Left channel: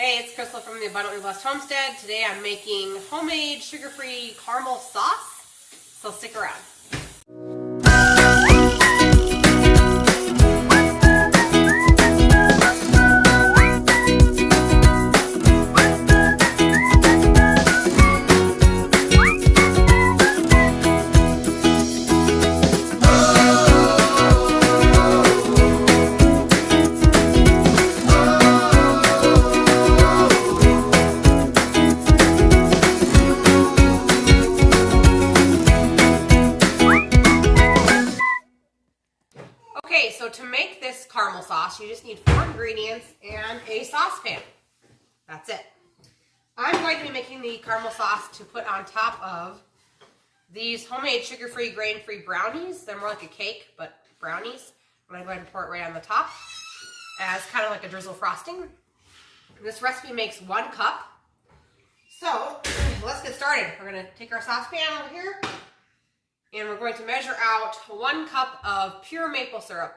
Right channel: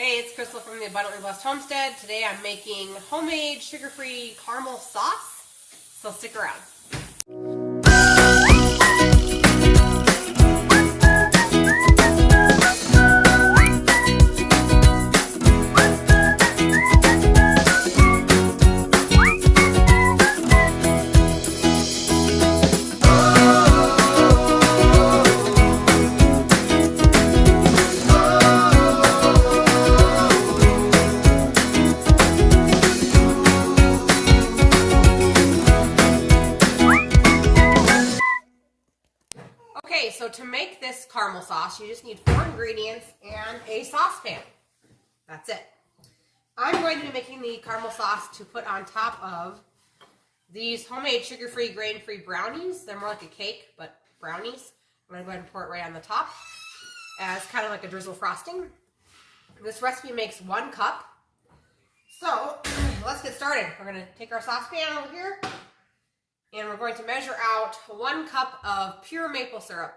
Hey, it's Crystal from the Abundantly Blessed Homestead. Today I'm making homemade sugar-free caramel sauce, so stick around. Okay, so to make this caramel sauce, you just need 4 ingredients and a saucepan. That's it. I'm going to be making the caramel sauce to put on top of these homemade sugar-free, grain-free brownies. They're more like a cake, but brownies. I'm going to go ahead and pour it right on the top as kind of like a drizzle frosting. This recipe makes 1 cup. So let's get started. We're going to take our saucepan over here. And we're going to measure out 1 cup of pure maple syrup.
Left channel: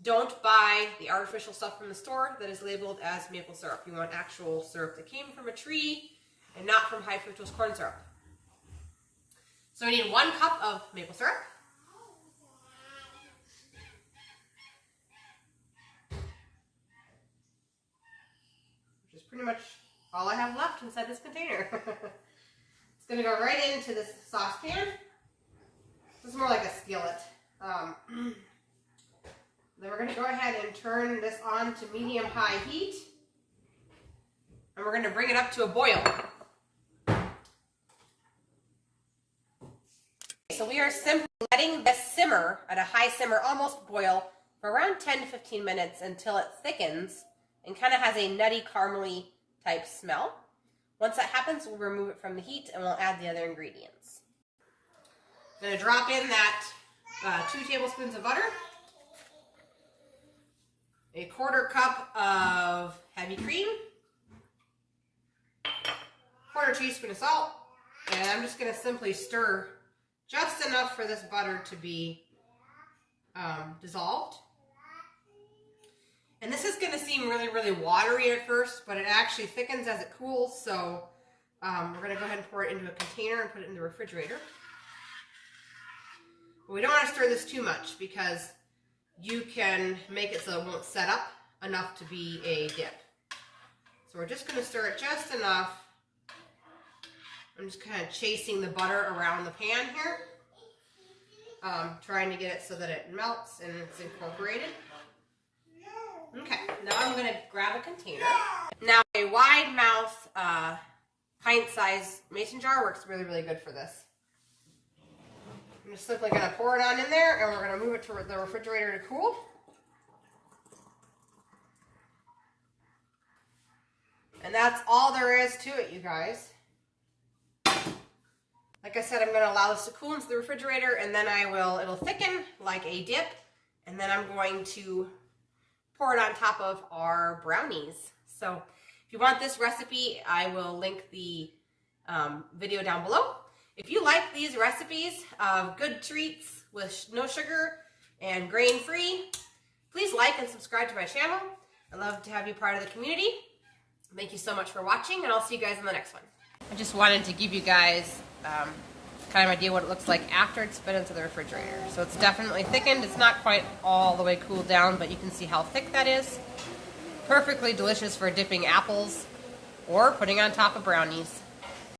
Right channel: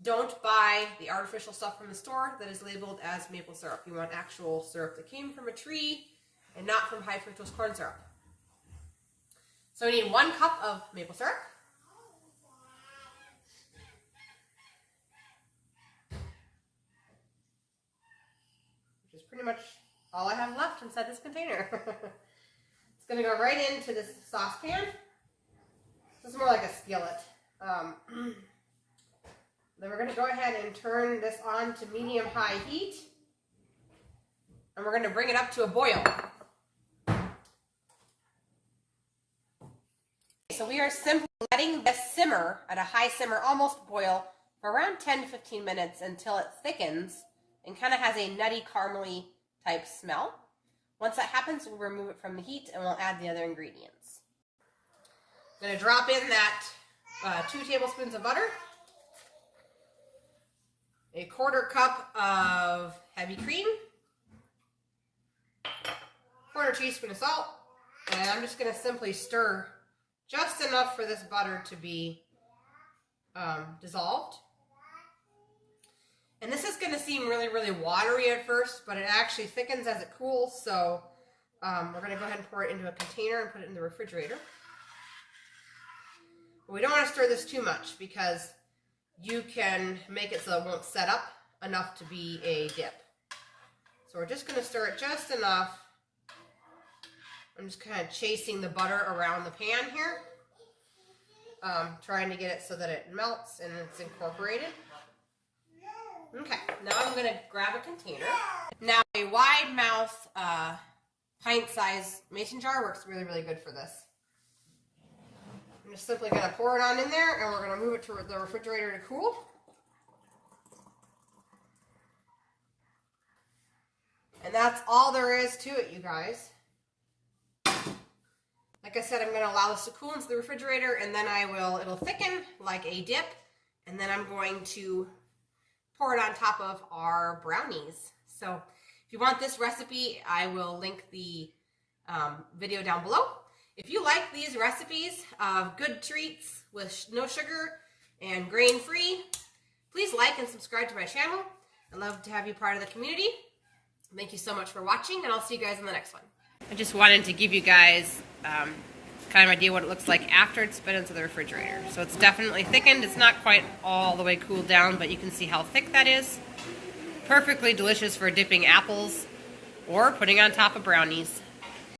Don't buy the artificial stuff from the store that is labeled as maple syrup. You want actual syrup that came from a tree and not from high fructose corn syrup. So we need 1 cup of maple syrup. Which is pretty much all I have left inside this container. It's going to go right into this saucepan. This is more like a skillet. Then we're going to go ahead and turn this on to medium-high heat. And we're going to bring it up to a boil. So we are simply letting this simmer at a high simmer, almost boil, for around 10 to 15 minutes until it thickens and kind of has a nutty, caramely type smell. Once that happens, we'll remove it from the heat and we'll add the other ingredients. I'm going to drop in that 2 tablespoons of butter, a 1/4 cup of heavy cream, 1/4 teaspoon of salt, and I'm just going to simply stir just enough for this butter to be dissolved. And this is going to seem really, really watery at first, but it actually thickens as it cools, so we're going to go ahead and pour it into a container and put it in the refrigerator. We don't want to stir this too much because you can make it so it won't set up enough to be a dip. So we're just going to stir it just enough. I'm just kind of chasing the butter around the pan here, trying to get it so that it melts and it's incorporated. Okay, now I'm going to grab a container. Now a wide mouth pint-sized mason jar works really, really good for this. I'm just simply going to pour it on in there, and we're going to move it to the refrigerator to cool. And that's all there is to it, you guys. Like I said, I'm going to allow this to cool into the refrigerator, and then it'll thicken like a dip, and then I'm going to pour it on top of our brownies. So if you want this recipe, I will link the video down below. If you like these recipes of good treats with no sugar and grain-free, please like and subscribe to my channel. I'd love to have you part of the community. Thank you so much for watching, and I'll see you guys in the next one. I just wanted to give you guys kind of an idea what it looks like after it's been into the refrigerator. So it's definitely thickened. It's not quite all the way cooled down, but you can see how thick that is. Perfectly delicious for dipping apples or putting on top of brownies.